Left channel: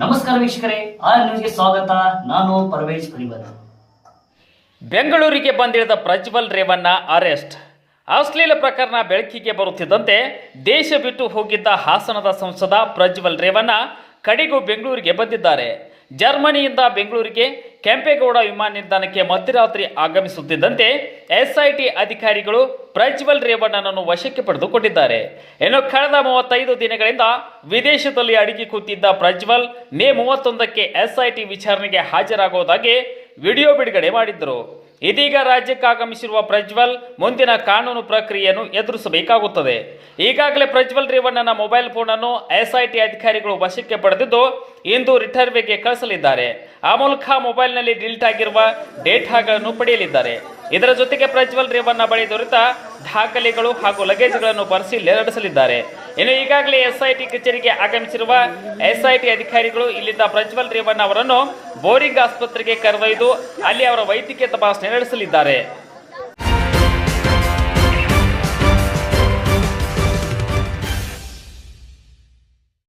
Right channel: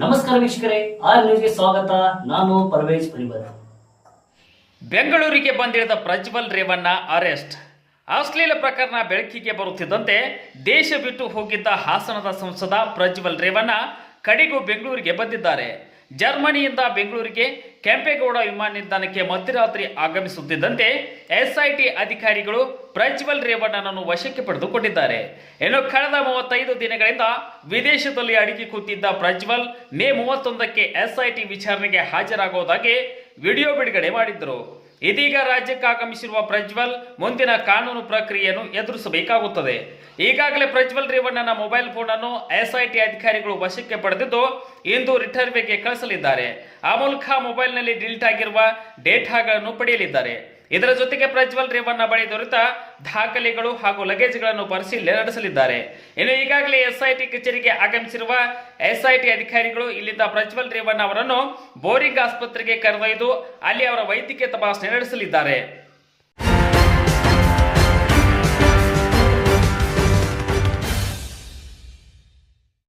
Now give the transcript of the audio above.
ನಮಸ್ಕಾರ ವೀಕ್ಷಕರೇ, ಆರ್ ನ್ಯೂಸ್ಗೆ ಸ್ವಾಗತ. ನಾನು ಪರ್ವೇಜ್ ಪರಿವರ್. ಬೆಂಗಳೂರಿಗೆ ಬಂದಿಳಿದ ಪ್ರಜ್ವಲ್ ರೇವಣ್ಣ ಅರೆಸ್ಟ್. ಅಶ್ಲೀಲ ಪ್ರಕರಣ ಬೆಳಕಿಗೆ ಬರುತ್ತಿದ್ದಂತೆ ದೇಶ ಬಿಟ್ಟು ಹೋಗಿದ್ದ ಹಾಸನದ ಸಂಸದ ಪ್ರಜ್ವಲ್ ರೇವಣ್ಣ ಕಡೆಗೂ ಬೆಂಗಳೂರಿಗೆ ಬಂದಿದ್ದಾರೆ. ಜರ್ಮನಿಯಿಂದ ಬೆಂಗಳೂರಿಗೆ ಕೆಂಪೇಗೌಡ ವಿಮಾನ ನಿಲ್ದಾಣಕ್ಕೆ ಮಧ್ಯರಾತ್ರಿ ಆಗಮಿಸುತ್ತಿದ್ದಂತೆ ಎಸ್ಐಟಿ ಅಧಿಕಾರಿಗಳು ಪ್ರಜ್ವಲ್ ರೇವಣ್ಣನನ್ನು ವಶಕ್ಕೆ ಪಡೆದುಕೊಂಡಿದ್ದಾರೆ. ಇನ್ನು ಕಳೆದ 35 ದಿನಗಳಿಂದ ವಿದೇಶದಲ್ಲಿ ಅಡಗಿ ಕೂತಿದ್ದ ಪ್ರಜ್ವಲ್ ಮೇ 31ಕ್ಕೆ ಎಸ್ಐಟಿ ವಿಚಾರಣೆಗೆ ಹಾಜರಾಗುವುದಾಗಿ ವಿಡಿಯೋ ಬಿಡುಗಡೆ ಮಾಡಿದ್ದರು. ಇದೀಗ ರಾಜ್ಯಕ್ಕೆ ಆಗಮಿಸಿರುವ ಪ್ರಜ್ವಲ್ ಮುಂದಿನ ಕಾನೂನು ಪ್ರಕ್ರಿಯೆಯನ್ನು ಎದುರಿಸಬೇಕಾಗುತ್ತದೆ. ಈಗಾಗಲೇ ಪ್ರಜ್ವಲ್ ರೇವಣ್ಣನ ಮೊಬೈಲ್ ಫೋನ್ ಅನ್ನು ಎಸ್ಐಟಿ ಅಧಿಕಾರಿಗಳು ವಶಕ್ಕೆ ಪಡೆದಿದ್ದು ಇಂದು ರಿಟರ್ನ್ಗೆ ಕಳಿಸಲಿದ್ದಾರೆ. ಆ ಮೂಲಕ ಮೊಬೈಲ್ನಲ್ಲಿ ಡಿಲೀಟ್ ಆಗಿರುವ ಡೇಟಾಗಳನ್ನು ಪಡೆಯಲಿದ್ದಾರೆ. ಇದರ ಜೊತೆಗೆ ಪ್ರಜ್ವಲ್ ರೇವಣ್ಣ ಬಳಿ ದೊರೆತ ದಾಖಲೆಗಳು ಹಾಗೂ ಲಗೇಜ್ಗಳನ್ನು ಪರಿಶೀಲನೆ ನಡೆಸಲಿದ್ದಾರೆ. ಇನ್ನು ಈಗಾಗಲೇ ಎಸ್ಐಟಿ ಕಚೇರಿಗೆ ಆಗಮಿಸಿರುವ ಎಸ್ಐಟಿ ಅಧಿಕಾರಿಗಳು ಇಲ್ಲಿಂದ ಪ್ರಜ್ವಲ್ ರೇವಣ್ಣ ಅವರನ್ನು ಬೋರಿಂಗ್ ಆಸ್ಪತ್ರೆಗೆ ಕರೆದೊಯ್ದು ಅಲ್ಲಿ ಅವರ ವೈದ್ಯಕೀಯ ತಪಾಸಣೆ ನಡೆಸಲಿದ್ದಾರೆ.